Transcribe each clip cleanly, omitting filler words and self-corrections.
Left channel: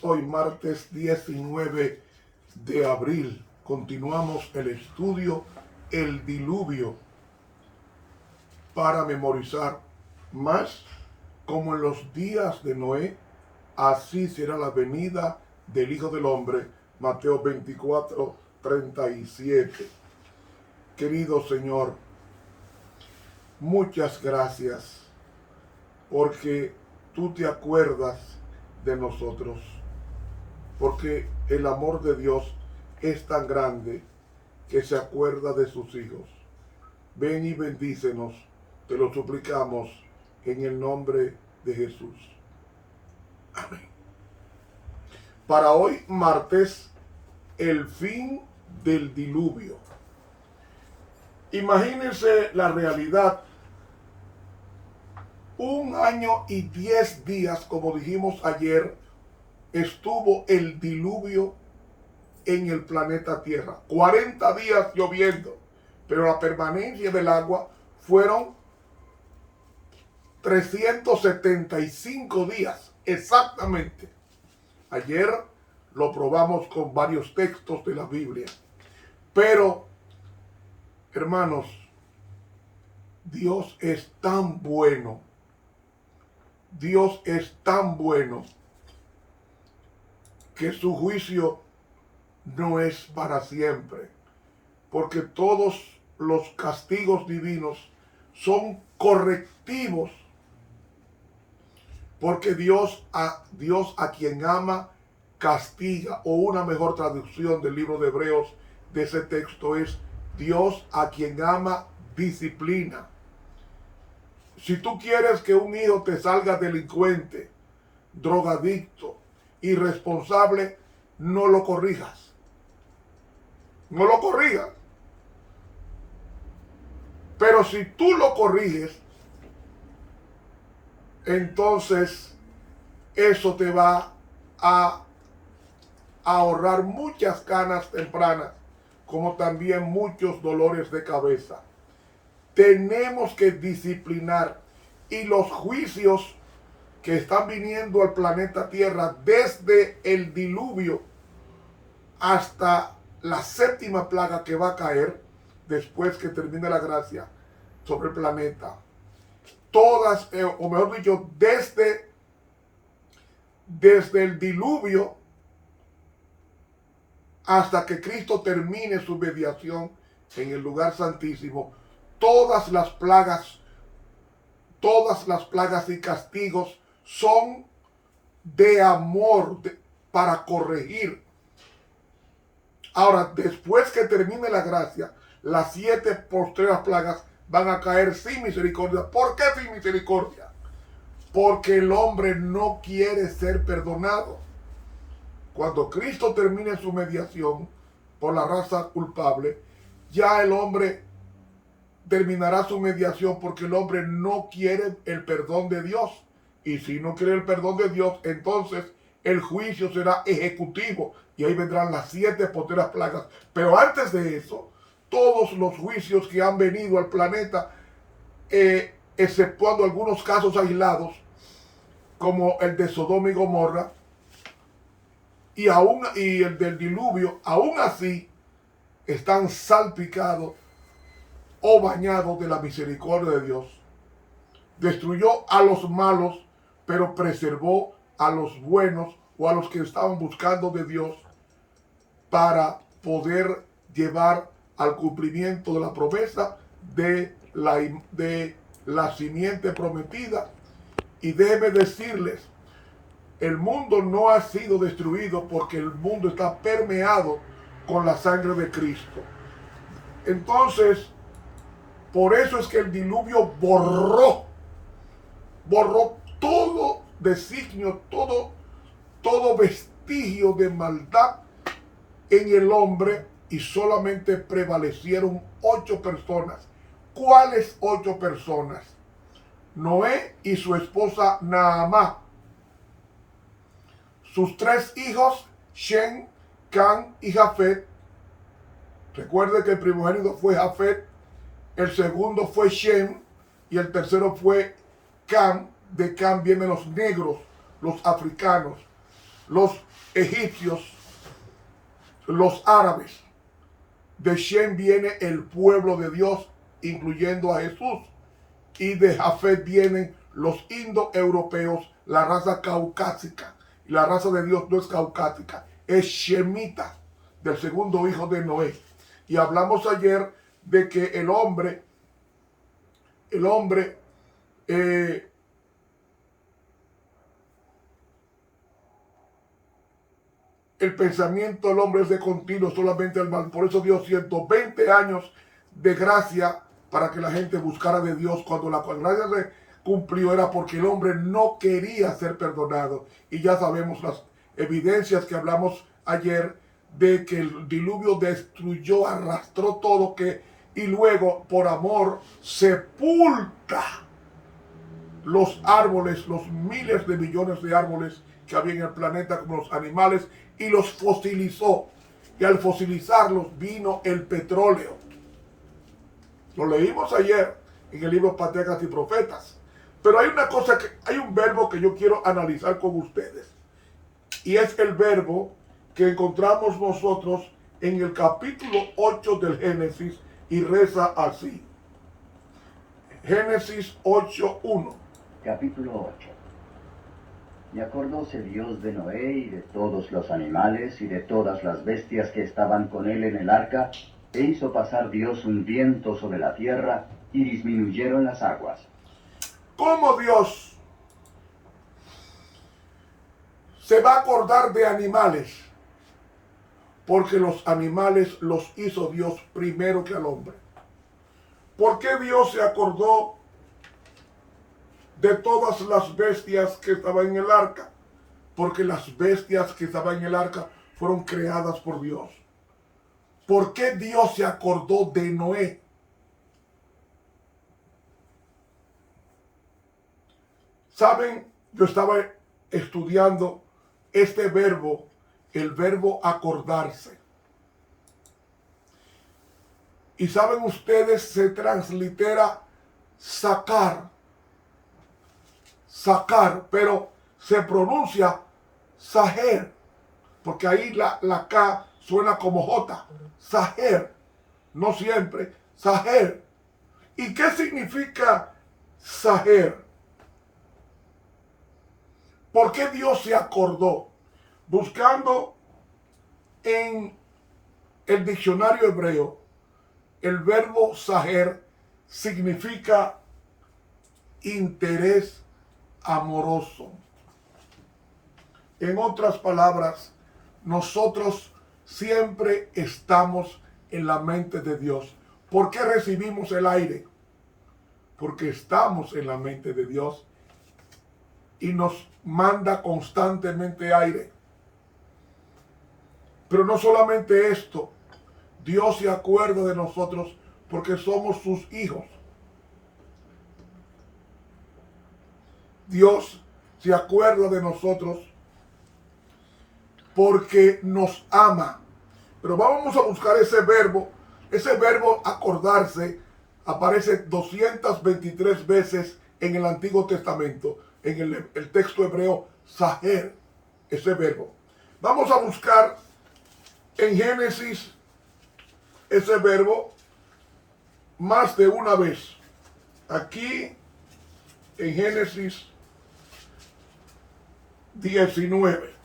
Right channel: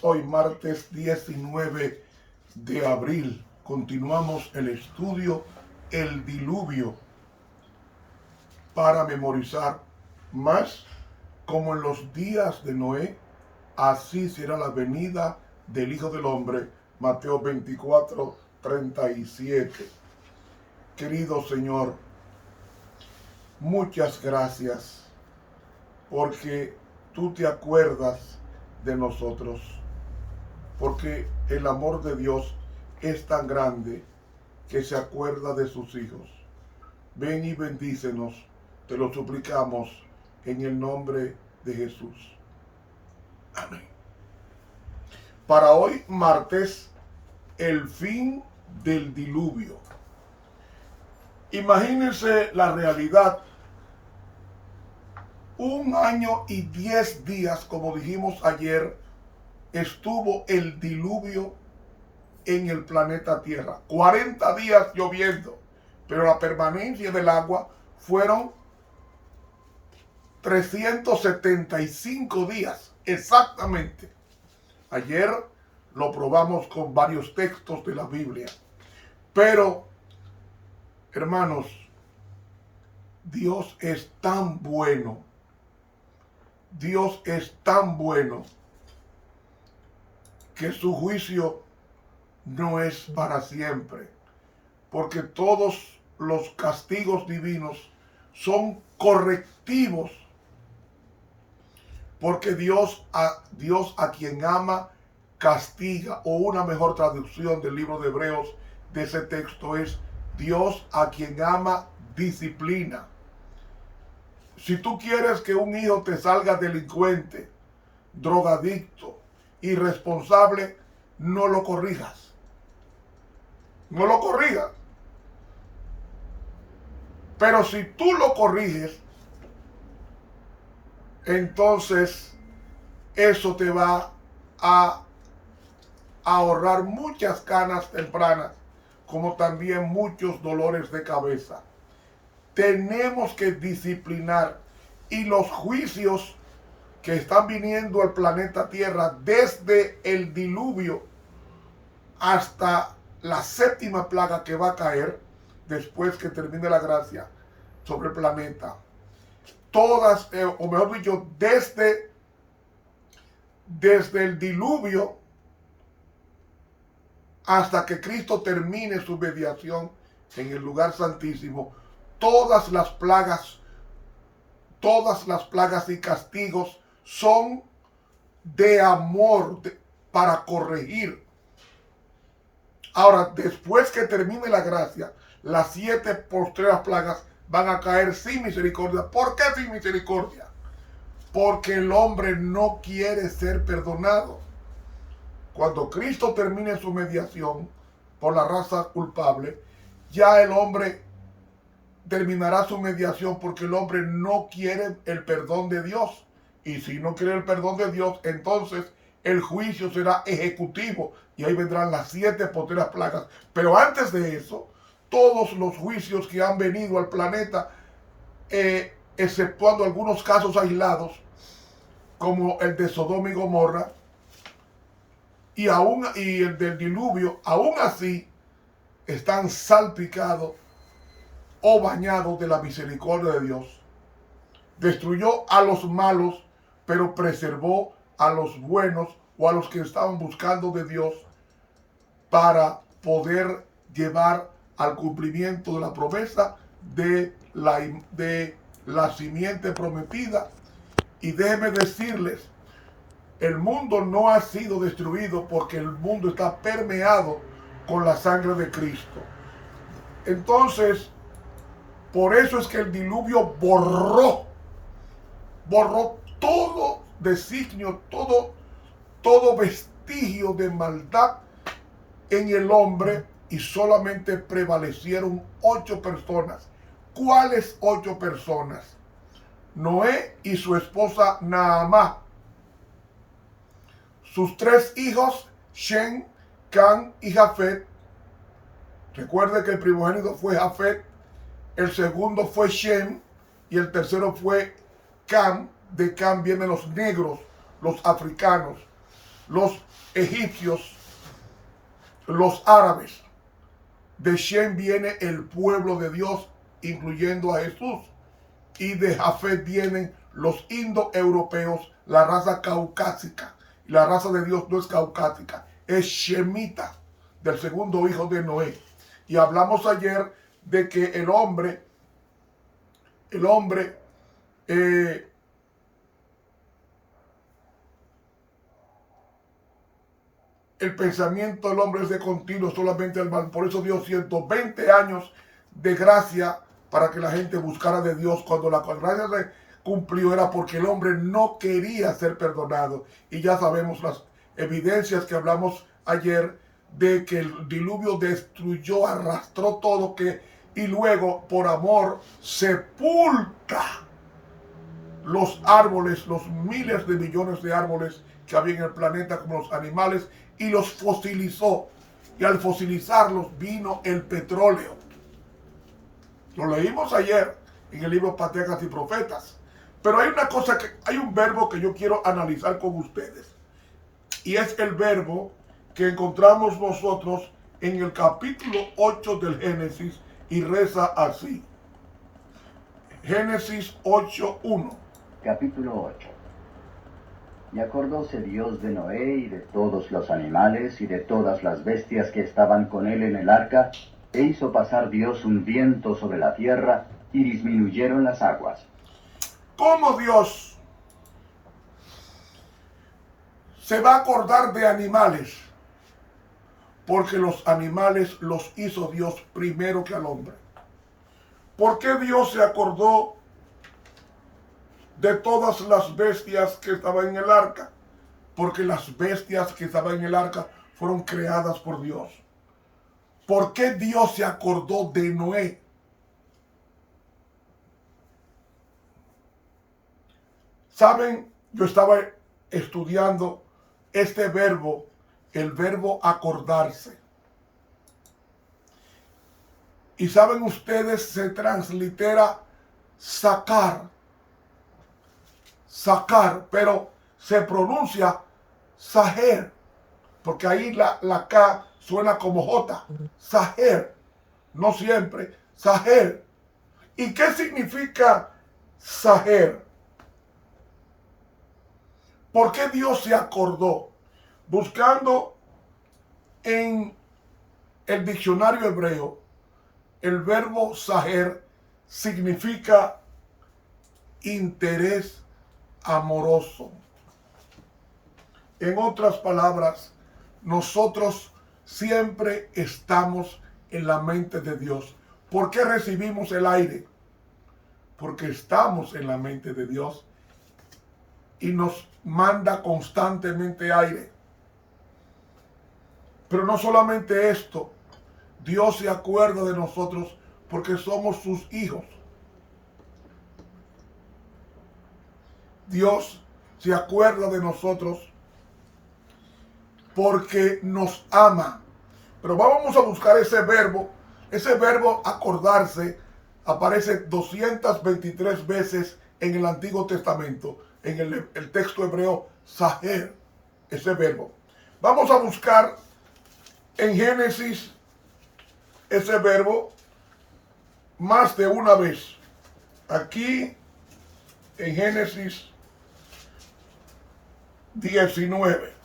Hoy martes 19 de abril continuamos el estudio El Diluvio para memorizar más. Como en los días de Noé, así será la venida del Hijo del Hombre. Mateo 24:37. Querido Señor, muchas gracias porque tú te acuerdas de nosotros, porque el amor de Dios es tan grande que se acuerda de sus hijos. Ven y bendícenos, te lo suplicamos en el nombre de Jesús. Amén. Para hoy, martes, el fin del diluvio. Imagínense la realidad. 1 año y 10 días, como dijimos ayer, estuvo el diluvio en el planeta Tierra. 40 días lloviendo, pero la permanencia del agua fueron 375 días, exactamente. Ayer lo probamos con varios textos de la Biblia. Pero, hermanos, Dios es tan bueno. Dios es tan bueno que su juicio no es para siempre, porque todos los castigos divinos son correctivos, porque Dios a quien ama castiga, o una mejor traducción del libro de Hebreos de ese texto es: Dios a quien ama disciplina. Si tú quieres que un hijo te salga delincuente, drogadicto, irresponsable, no lo corrijas. No lo corrijas. Pero si tú lo corriges, entonces eso te va a ahorrar muchas canas tempranas, como también muchos dolores de cabeza. Tenemos que disciplinar, y los juicios que están viniendo al planeta Tierra desde el diluvio hasta la 7ª plaga que va a caer después que termine la gracia sobre el planeta. Todas, o mejor dicho, desde el diluvio hasta que Cristo termine su mediación en el lugar santísimo, todas las plagas y castigos son de amor, para corregir. Ahora, después que termine la gracia, las 7 postreras plagas van a caer sin misericordia. ¿Por qué sin misericordia? Porque el hombre no quiere ser perdonado. Cuando Cristo termine su mediación por la raza culpable, ya el hombre terminará su mediación, porque el hombre no quiere el perdón de Dios. Y si no quiere el perdón de Dios, entonces el juicio será ejecutivo, y ahí vendrán las 7 postreras plagas. Pero antes de eso, todos los juicios que han venido al planeta, exceptuando algunos casos aislados, como el de Sodoma y Gomorra, y el del diluvio, aún así están salpicados o bañados de la misericordia de Dios. Destruyó a los malos, pero preservó a los buenos, o a los que estaban buscando de Dios, para poder llevar al cumplimiento de la promesa de la simiente prometida. Y déjenme decirles, el mundo no ha sido destruido, porque el mundo está permeado con la sangre de Cristo. Entonces, por eso es que el diluvio borró todo designio, todo vestigio de maldad en el hombre, y solamente prevalecieron 8 personas. ¿Cuáles 8 personas? Noé y su esposa Naamá, sus 3 hijos, Shem, Cam y Jafet. Recuerde que el primogénito fue Jafet, el segundo fue Shem, y el tercero fue Cam. De Cam vienen los negros, los africanos. los egipcios, los árabes. De Shem viene el pueblo de Dios, incluyendo a Jesús. Y de Jafet vienen los indoeuropeos, la raza caucásica. La raza de Dios no es caucásica, es shemita, del segundo hijo de Noé. Y hablamos ayer de que el hombre, el pensamiento del hombre es de continuo, solamente el mal. Por eso dio 120 años de gracia para que la gente buscara de Dios. Cuando la gracia se cumplió era porque el hombre no quería ser perdonado. Y ya sabemos las evidencias que hablamos ayer de que el diluvio destruyó, arrastró todo, y luego por amor sepulta los árboles, los miles de millones de árboles que había en el planeta, como los animales, y los fosilizó. Y al fosilizarlos vino el petróleo. Lo leímos ayer en el libro Patriarcas y Profetas. Pero hay un verbo que yo quiero analizar con ustedes. Y es el verbo que encontramos nosotros en el capítulo 8 del Génesis y reza así. Génesis 8:1. Capítulo 8. Y acordóse Dios de Noé y de todos los animales y de todas las bestias que estaban con él en el arca, e hizo pasar Dios un viento sobre la tierra, y disminuyeron las aguas. ¿Cómo Dios se va a acordar de animales? Porque los animales los hizo Dios primero que al hombre. ¿Por qué Dios se acordó de todas las bestias que estaban en el arca? Porque las bestias que estaban en el arca fueron creadas por Dios. ¿Por qué Dios se acordó de Noé? Saben, yo estaba estudiando este verbo, el verbo acordarse. Y saben ustedes, se translitera sacar, pero se pronuncia saher, porque ahí la K suena como J, saher, no siempre, saher. ¿Y qué significa saher? ¿Por qué Dios se acordó? Buscando en el diccionario hebreo, el verbo saher significa interés amoroso. En otras palabras, nosotros siempre estamos en la mente de Dios. ¿Por qué recibimos el aire? Porque estamos en la mente de Dios y nos manda constantemente aire. Pero no solamente esto, Dios se acuerda de nosotros porque somos sus hijos. Dios se acuerda de nosotros porque nos ama. Pero vamos a buscar ese verbo. Ese verbo acordarse aparece 223 veces en el Antiguo Testamento. En el texto hebreo, saher, ese verbo. Vamos a buscar en Génesis ese verbo más de una vez. Aquí en Génesis 19.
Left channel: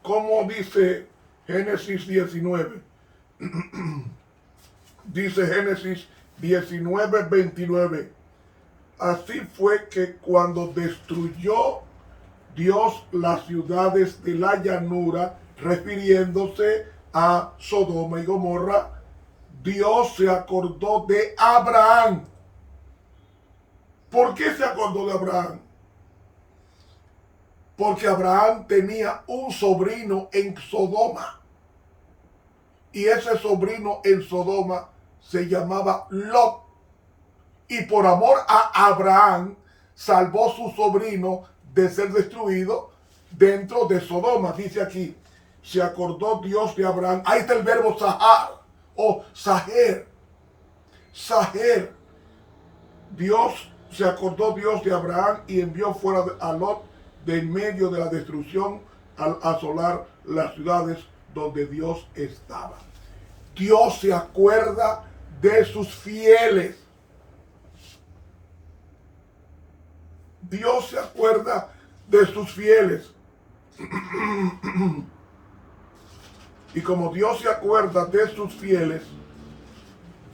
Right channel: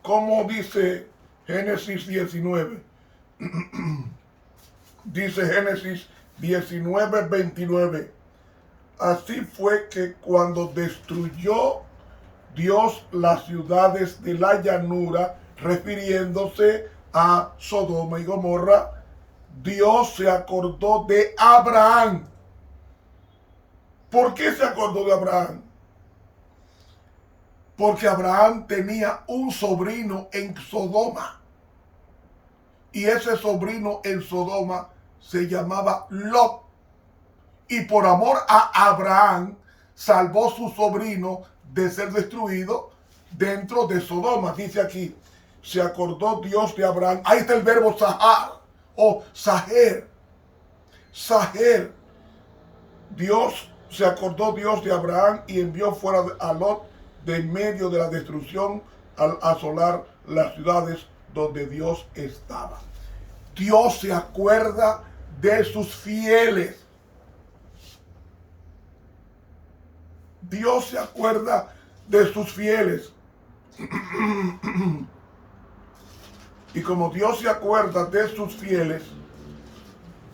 ¿Cómo dice Génesis 19? Dice Génesis 19:29. Así fue que cuando destruyó Dios las ciudades de la llanura, refiriéndose a Sodoma y Gomorra, Dios se acordó de Abraham. ¿Por qué se acordó de Abraham? Porque Abraham tenía un sobrino en Sodoma. Y ese sobrino en Sodoma se llamaba Lot. Y por amor a Abraham, salvó su sobrino de ser destruido dentro de Sodoma. Dice aquí, se acordó Dios de Abraham. Ahí está el verbo sahar o saher. Saher. Se acordó Dios de Abraham y envió fuera a Lot de en medio de la destrucción al asolar las ciudades donde Dios estaba. Dios se acuerda de sus fieles. Dios se acuerda de sus fieles. Y como Dios se acuerda de sus fieles,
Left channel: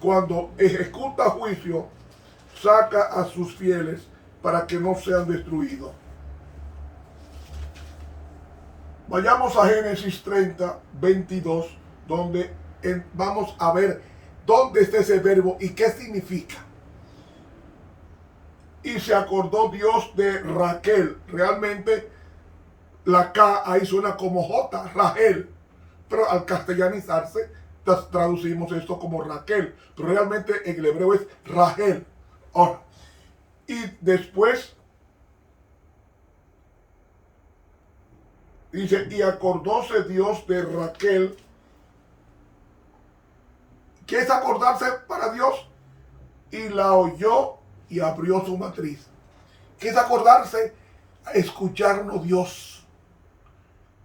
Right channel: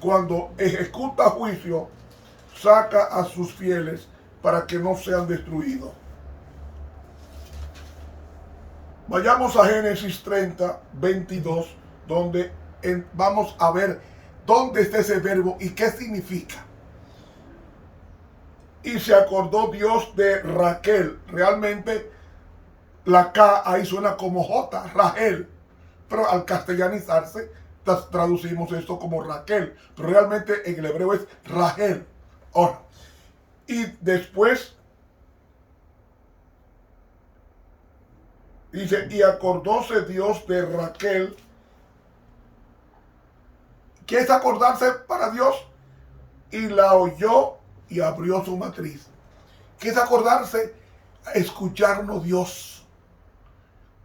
cuando ejecuta juicio, saca a sus fieles para que no sean destruidos. Vayamos a Génesis 30, 22, donde vamos a ver dónde está ese verbo y qué significa. Y se acordó Dios de Raquel. Realmente la K ahí suena como J, Rachel. Pero al castellanizarse traducimos esto como Raquel. Pero realmente en el hebreo es Rachel. Ahora, y después dice, y acordóse Dios de Raquel. ¿Qué es acordarse para Dios? Y la oyó y abrió su matriz. ¿Qué es acordarse? Escucharnos Dios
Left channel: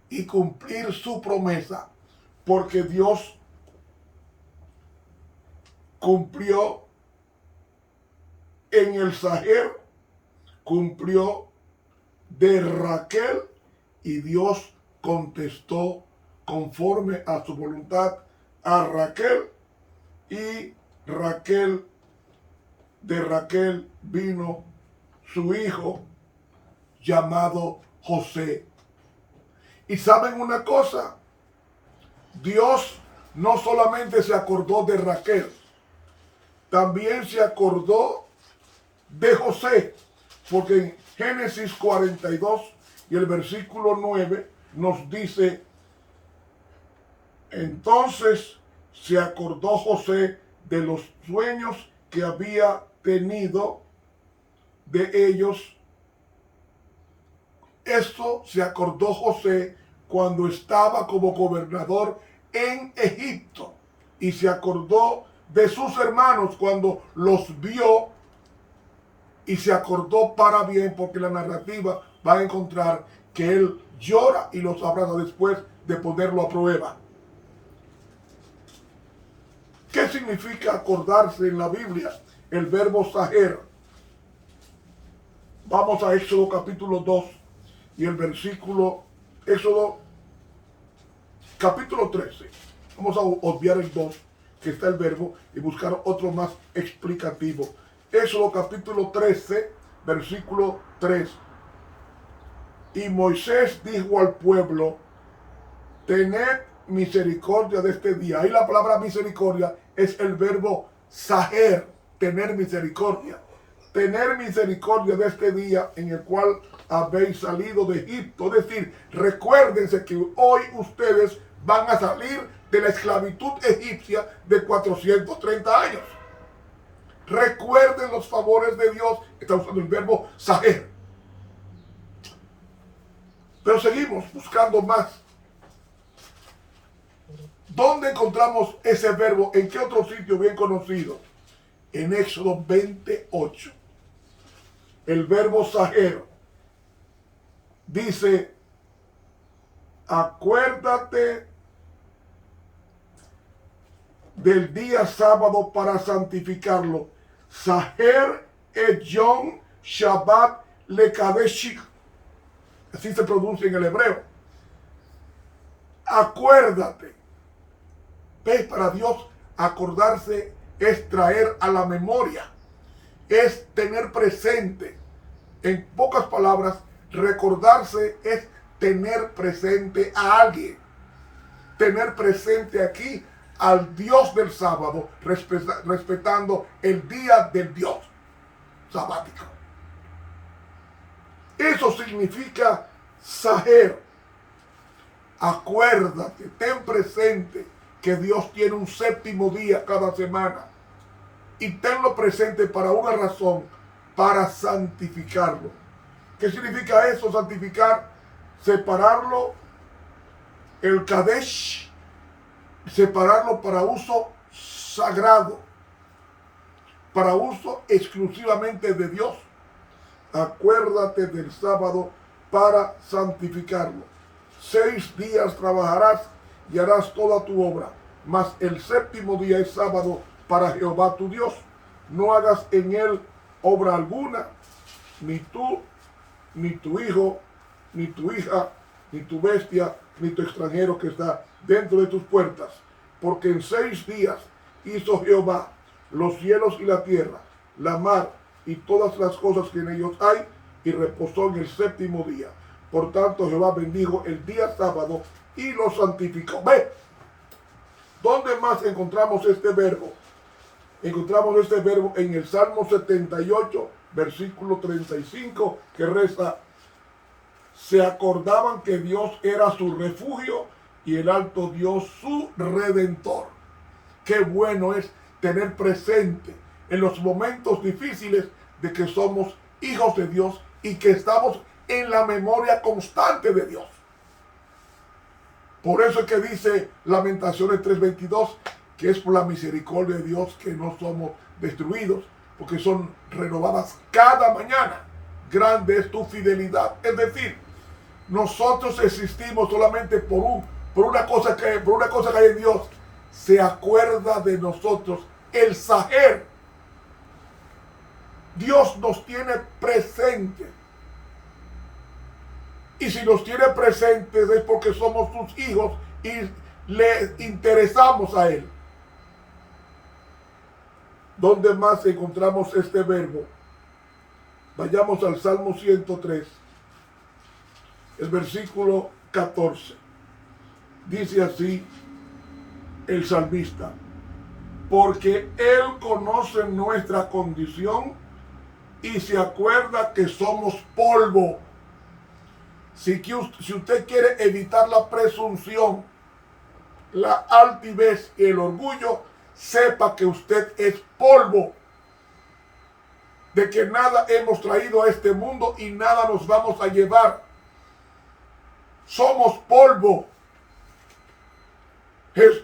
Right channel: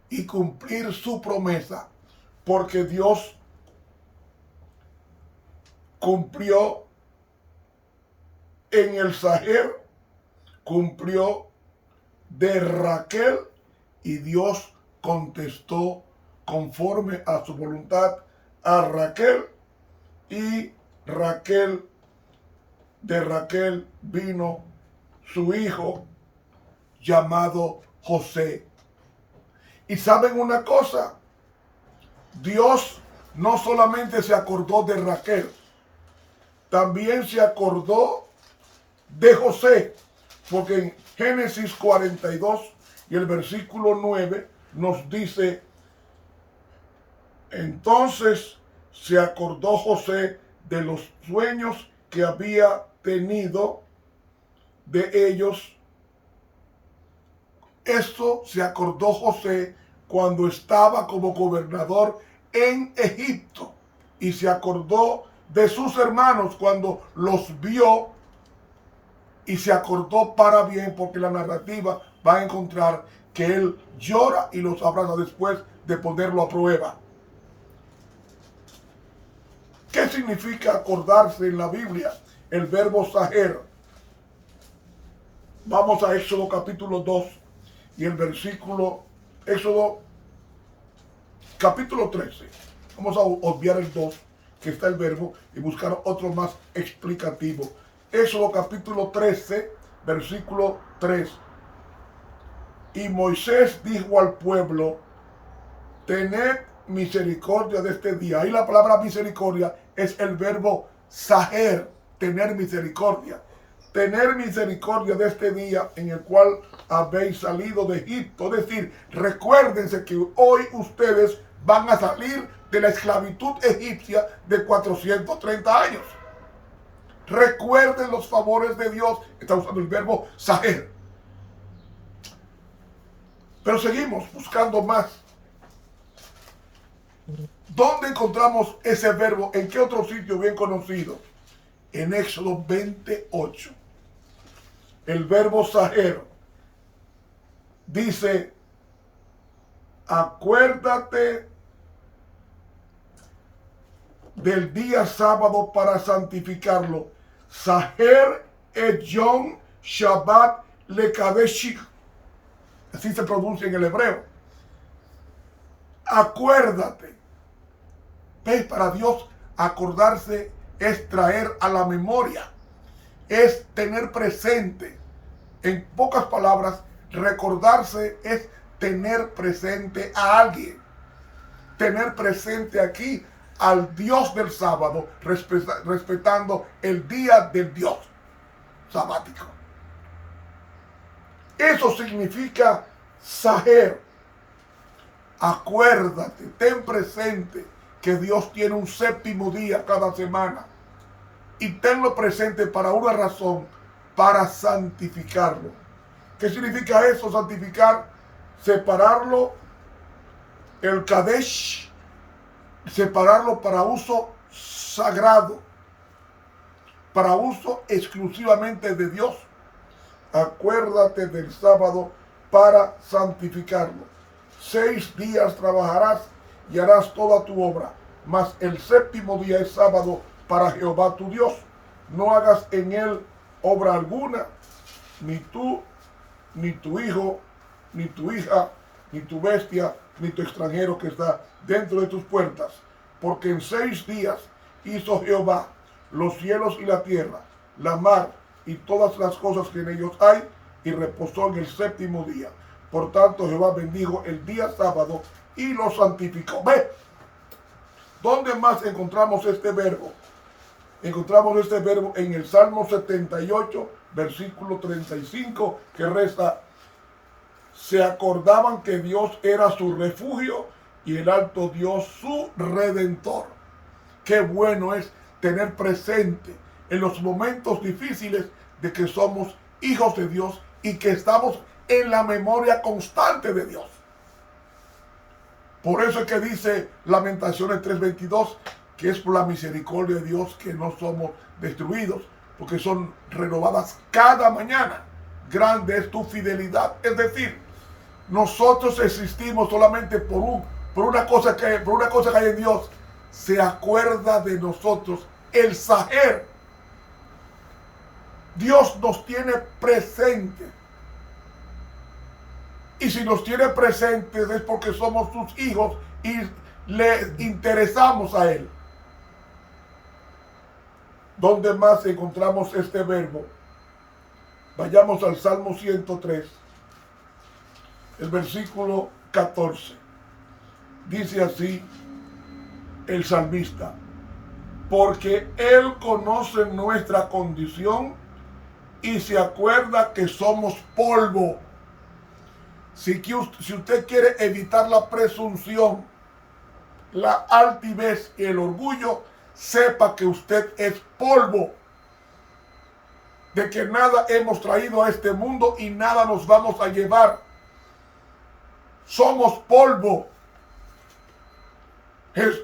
y cumplir su promesa, porque Dios cumplió en el Saher, cumplió de Raquel, y Dios contestó conforme a su voluntad a Raquel, y Raquel, de Raquel vino su hijo llamado José. Y saben una cosa, Dios no solamente se acordó de Raquel, también se acordó de José, porque en Génesis 42 y el versículo 9 nos dice, entonces se acordó José de los sueños que había tenido de ellos. Esto se acordó José cuando estaba como gobernador en Egipto, y se acordó de sus hermanos cuando los vio, y se acordó para bien, porque la narrativa va a encontrar que él llora y los abraza después de ponerlo a prueba. ¿Qué significa acordarse en la Biblia? El verbo saher. Vamos a Éxodo capítulo 2 y el versículo, Éxodo capítulo 13. Vamos a obviar el 2, que está el verbo, y buscar otro más explicativo. Éxodo capítulo 13, versículo 3. Y Moisés dijo al pueblo, tened misericordia de este día. Ahí la palabra misericordia es el verbo saher, tener misericordia. Tener misericordia de este día en el cual habéis salido de Egipto. Es decir, recuérdense que hoy ustedes van a salir de la esclavitud egipcia de 430 años. Recuerden los favores de Dios. Está usando el verbo saher. Pero seguimos buscando más. ¿Dónde encontramos ese verbo? ¿En qué otro sitio bien conocido? En Éxodo 28. El verbo saher dice, acuérdate del día sábado para santificarlo. Saher et Yom Shabbat lekadeshich. Así se pronuncia en el hebreo. Acuérdate. ¿Ves? Para Dios acordarse es traer a la memoria, es tener presente. En pocas palabras, recordarse es tener presente a alguien. Tener presente aquí al Dios del sábado, respetando el día del Dios sabático. Eso significa saher. Acuérdate, ten presente que Dios tiene un séptimo día cada semana. Y tenlo presente para una razón, para santificarlo. ¿Qué significa eso, santificar? Separarlo, el Kadesh, separarlo para uso sagrado, para uso exclusivamente de Dios. Acuérdate del sábado para santificarlo. 6 días trabajarás y harás toda tu obra, mas el séptimo día es sábado para Jehová tu Dios. No hagas en él obra alguna, ni tú, ni tu hijo, ni tu hija, ni tu bestia, ni tu extranjero que está dentro de tus puertas. Porque en 6 días hizo Jehová los cielos y la tierra, la mar y todas las cosas que en ellos hay, y reposó en el séptimo día. Por tanto, Jehová bendijo el día sábado y lo santificó. Ve, ¿dónde más encontramos este verbo? Encontramos este verbo en el Salmo 78, versículo 35, que reza: se acordaban que Dios era su refugio y el alto Dios su redentor. Qué bueno es tener presente en los momentos difíciles de que somos hijos de Dios y que estamos en la memoria constante de Dios. Por eso es que dice Lamentaciones 3:22, que es por la misericordia de Dios que no somos destruidos, porque son renovadas cada mañana. Grande es tu fidelidad. Es decir, nosotros existimos solamente por una cosa que hay en Dios. Se acuerda de nosotros el Saher. Dios nos tiene presente. Y si nos tiene presentes es porque somos sus hijos y le interesamos a Él. ¿Dónde más encontramos este verbo? Vayamos al Salmo 103, el versículo 14. Dice así el salmista: porque Él conoce nuestra condición y se acuerda que somos polvo. Si usted quiere evitar la presunción, la altivez y el orgullo, sepa que usted es polvo, de que nada hemos traído a este mundo y nada nos vamos a llevar. Somos polvo.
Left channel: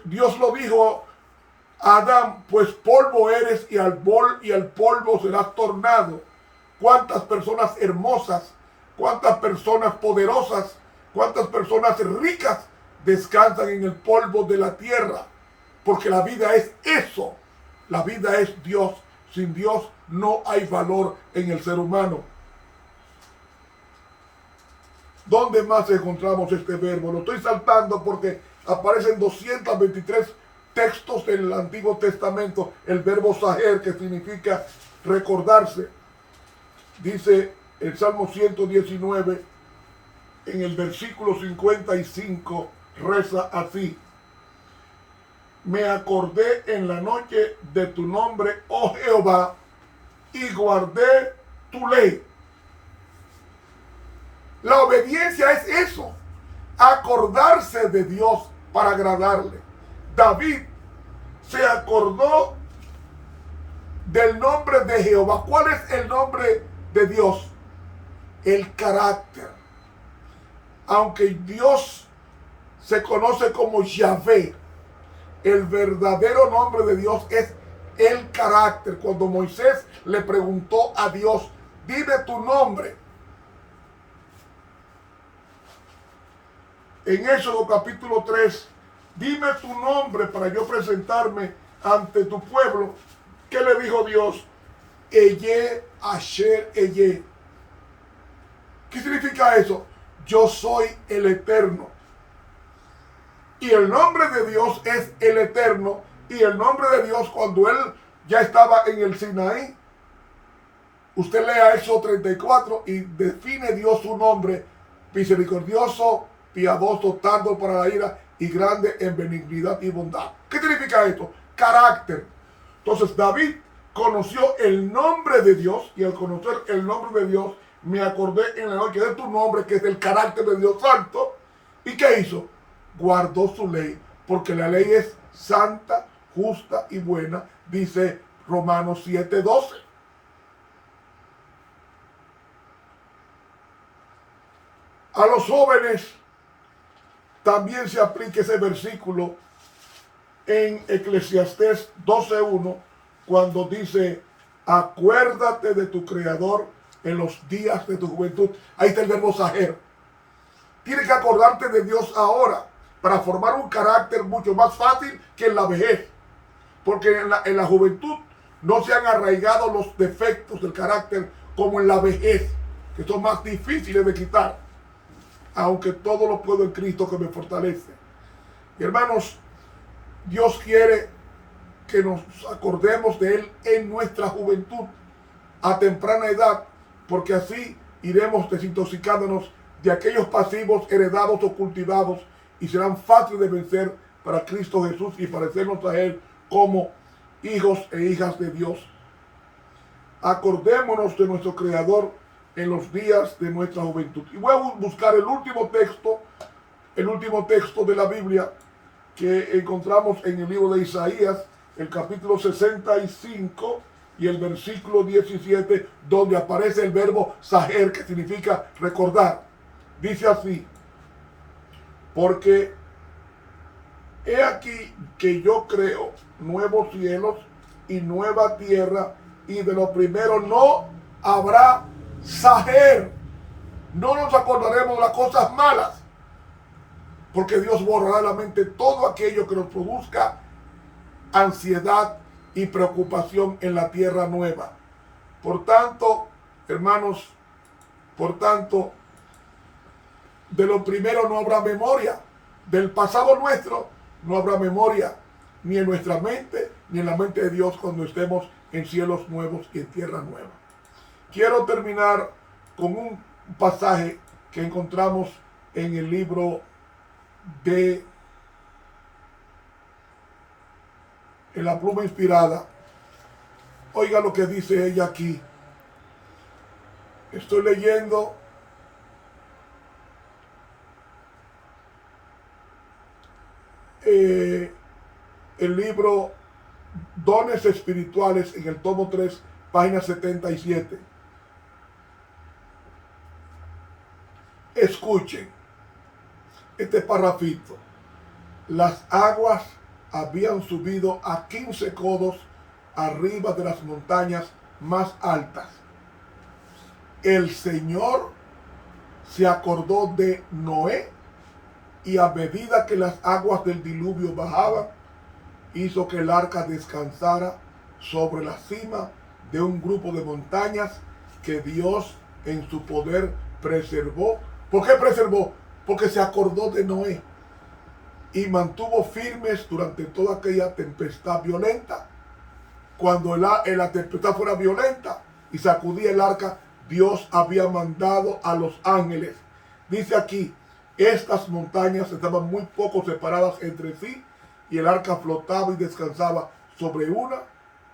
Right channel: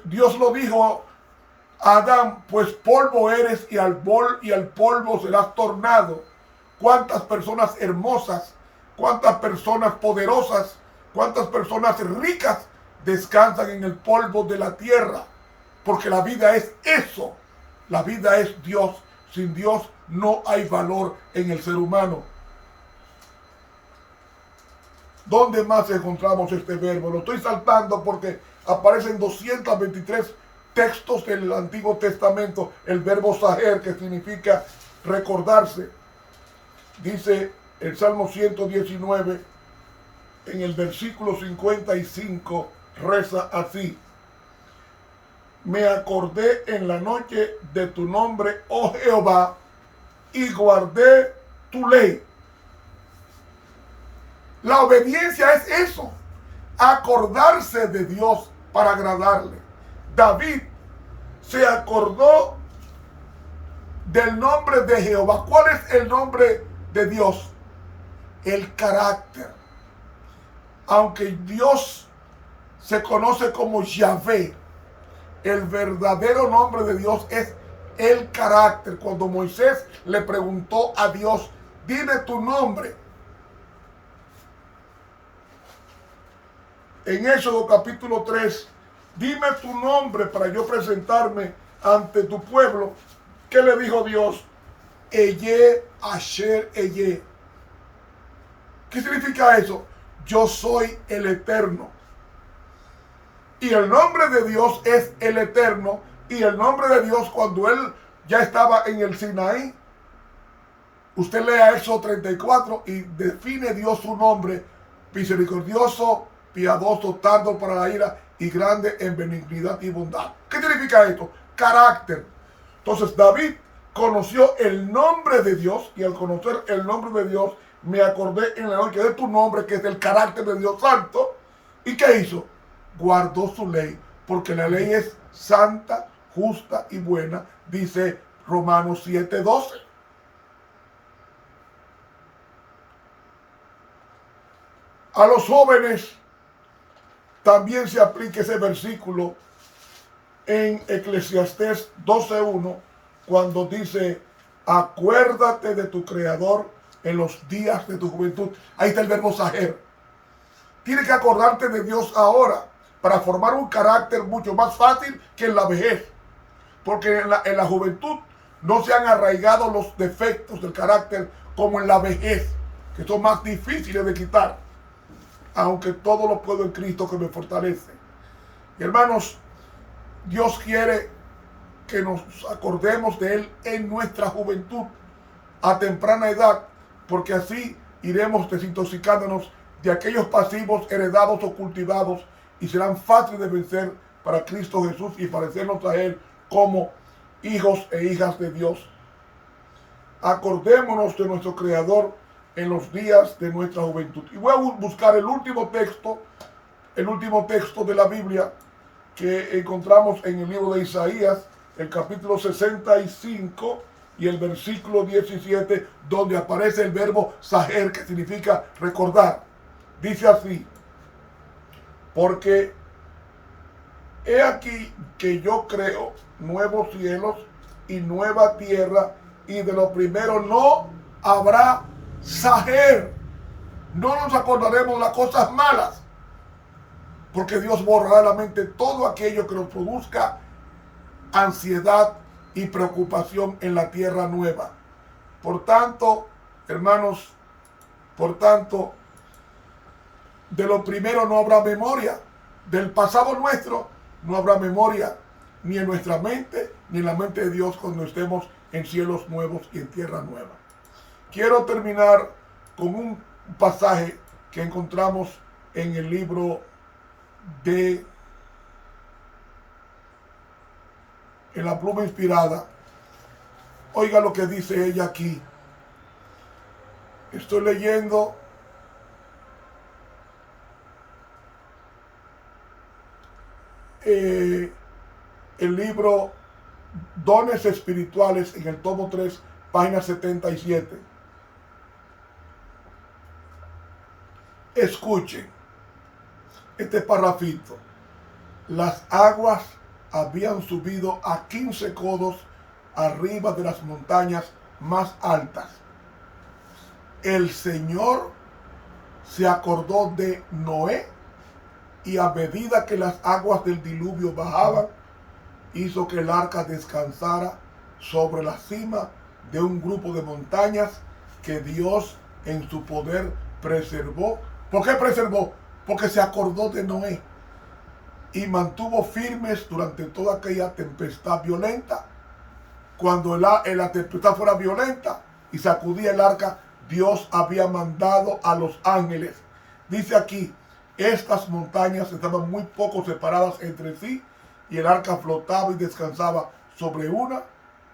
Dios lo dijo a Adán: pues polvo eres y al polvo serás tornado. Cuántas personas hermosas, cuántas personas poderosas, cuántas personas ricas descansan en el polvo de la tierra, porque la vida es eso. La vida es Dios. Sin Dios no hay valor en el ser humano. ¿Dónde más encontramos este verbo? Lo estoy saltando porque aparecen 223 textos del Antiguo Testamento el verbo saher, que significa recordarse. Dice el Salmo 119, en el versículo 55, reza así: me acordé en la noche de tu nombre, oh Jehová, y guardé tu ley. La obediencia es eso, acordarse de Dios para agradarle. David se acordó del nombre de Jehová. ¿Cuál es el nombre de Dios? El carácter. Aunque Dios se conoce como Yahvé, el verdadero nombre de Dios es el carácter. Cuando Moisés le preguntó a Dios: dime tu nombre, en Éxodo capítulo 3, dime tu nombre para yo presentarme ante tu pueblo. ¿Qué le dijo Dios? Eye Asher Eye. ¿Qué significa eso? Yo soy el Eterno. Y el nombre de Dios es el Eterno. Y el nombre de Dios, cuando él ya estaba en el Sinaí, usted lea Éxodo 34 y define Dios su nombre: misericordioso, piadoso, tardo para la ira y grande en benignidad y bondad. ¿Qué significa esto? Carácter. Entonces David conoció el nombre de Dios, y al conocer el nombre de Dios, me acordé en la noche de tu nombre, que es el carácter de Dios santo. ¿Y qué hizo? Guardó su ley, porque la ley es santa, justa y buena, dice Romanos 7:12. A los jóvenes también se aplica ese versículo en Eclesiastés 12:1, cuando dice: acuérdate de tu Creador en los días de tu juventud. Ahí está el verbo saher. Tienes que acordarte de Dios ahora para formar un carácter mucho más fácil que en la vejez. Porque en la juventud no se han arraigado los defectos del carácter como en la vejez, que son más difíciles de quitar. Aunque todo lo puedo en Cristo que me fortalece. Y hermanos, Dios quiere que nos acordemos de Él en nuestra juventud, a temprana edad, porque así iremos desintoxicándonos de aquellos pasivos heredados o cultivados y serán fáciles de vencer para Cristo Jesús y parecernos a Él como hijos e hijas de Dios. Acordémonos de nuestro Creador en los días de nuestra juventud. Y voy a buscar el último texto de la Biblia que encontramos en el libro de Isaías, el capítulo 65 y el versículo 17, donde aparece el verbo saher, que significa recordar. Dice así: porque he aquí que yo creo nuevos cielos y nueva tierra, y de lo primero no habrá saher. No nos acordaremos de las cosas malas, porque Dios borrará de la mente todo aquello que nos produzca ansiedad y preocupación en la tierra nueva. Por tanto, hermanos, de lo primero no habrá memoria. Del pasado nuestro no habrá memoria, ni en nuestra mente, ni en la mente de Dios cuando estemos en cielos nuevos y en tierra nueva. Quiero terminar con un pasaje que encontramos en el libro en la pluma inspirada. Oiga lo que dice ella aquí. Estoy leyendo el libro Dones Espirituales en el tomo 3, página 77. Escuchen este parrafito. Las aguas habían subido a 15 codos arriba de las montañas más altas. El Señor se acordó de Noé, y a medida que las aguas del diluvio bajaban, hizo que el arca descansara sobre la cima de un grupo de montañas que Dios en su poder preservó. ¿Por qué preservó? Porque se acordó de Noé y mantuvo firmes durante toda aquella tempestad violenta. Cuando la tempestad fuera violenta y sacudía el arca, Dios había mandado a los ángeles. Dice aquí, estas montañas estaban muy poco separadas entre sí, y el arca flotaba y descansaba sobre una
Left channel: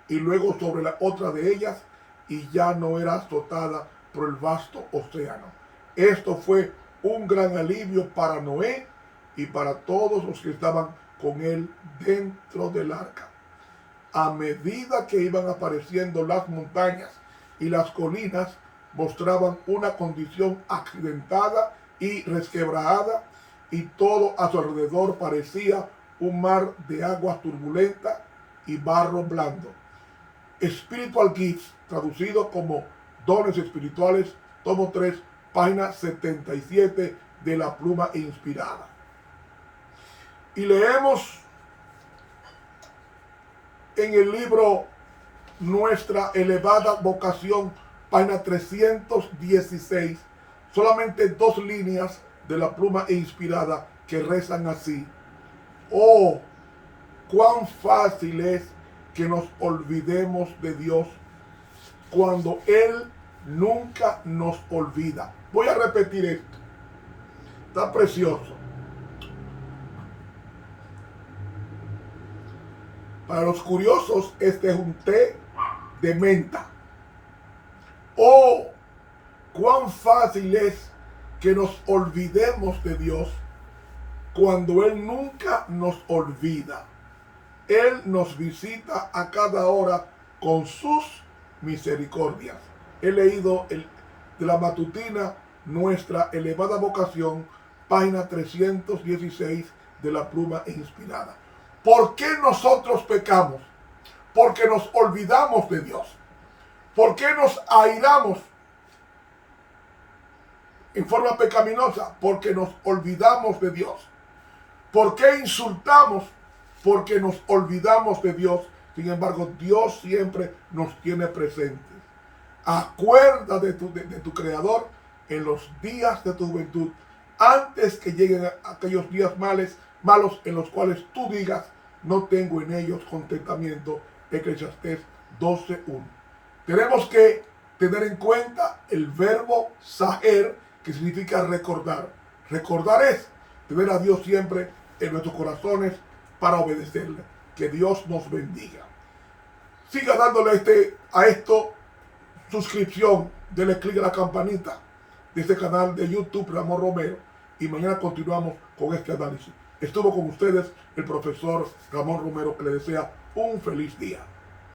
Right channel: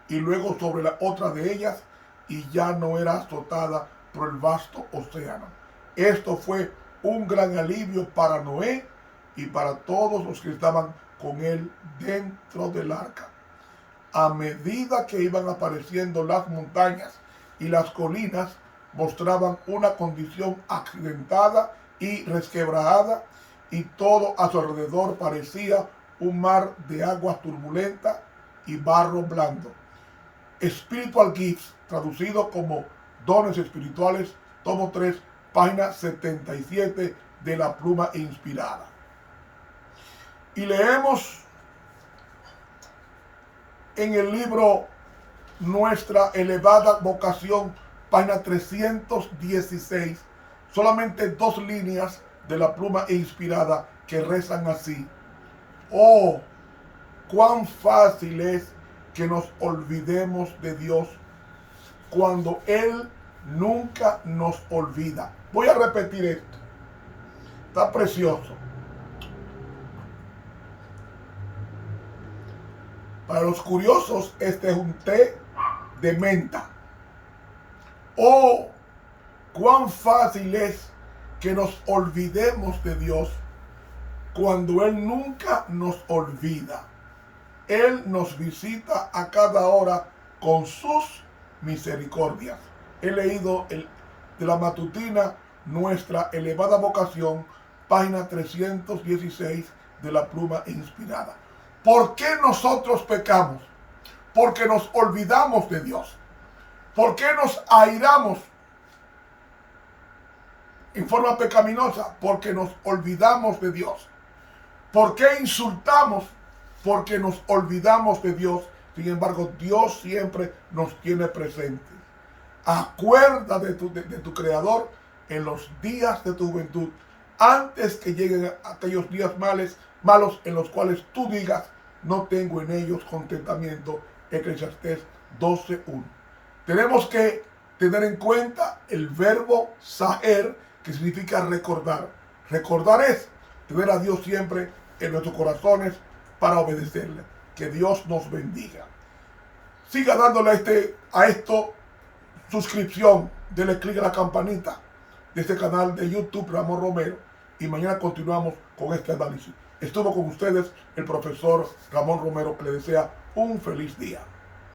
y luego sobre la otra de ellas, y ya no era azotada por el vasto océano. Esto fue un gran alivio para Noé y para todos los que estaban con él dentro del arca. A medida que iban apareciendo las montañas y las colinas, mostraban una condición accidentada y resquebrajada, y todo a su alrededor parecía un mar de aguas turbulentas y barro blando. Spiritual Gifts, traducido como Dones Espirituales, tomo 3, página 77 de la pluma inspirada. Y leemos en el libro Nuestra Elevada Vocación, página 316, solamente 2 líneas de la pluma inspirada que rezan así: oh, cuán fácil es que nos olvidemos de Dios cuando Él nunca nos olvida. Voy a repetir esto. Está precioso. Para los curiosos, este es un té de menta. Oh, cuán fácil es que nos olvidemos de Dios cuando Él nunca nos olvida. Él nos visita a cada hora con sus misericordias. He leído de la matutina Nuestra Elevada Vocación, página 316 de la pluma inspirada. ¿Por qué nosotros pecamos? Porque nos olvidamos de Dios. ¿Por qué nos airamos? en forma pecaminosa? Porque nos olvidamos de Dios. ¿Por qué insultamos? Porque nos olvidamos de Dios. Sin embargo, Dios siempre nos tiene presentes. Acuérdate de tu Creador en los días de tu juventud, antes que lleguen aquellos días malos en los cuales tú digas, no tengo en ellos contentamiento. Eclesiastés 12:1. Tenemos que tener en cuenta el verbo saher, que significa recordar. Recordar es tener a Dios siempre en nuestros corazones para obedecerle. Que Dios nos bendiga. Siga dándole a esto suscripción, dele clic a la campanita de este canal de YouTube Ramón Romero, y mañana continuamos con este análisis. Estuvo con ustedes el profesor Ramón Romero, que le desea un feliz día.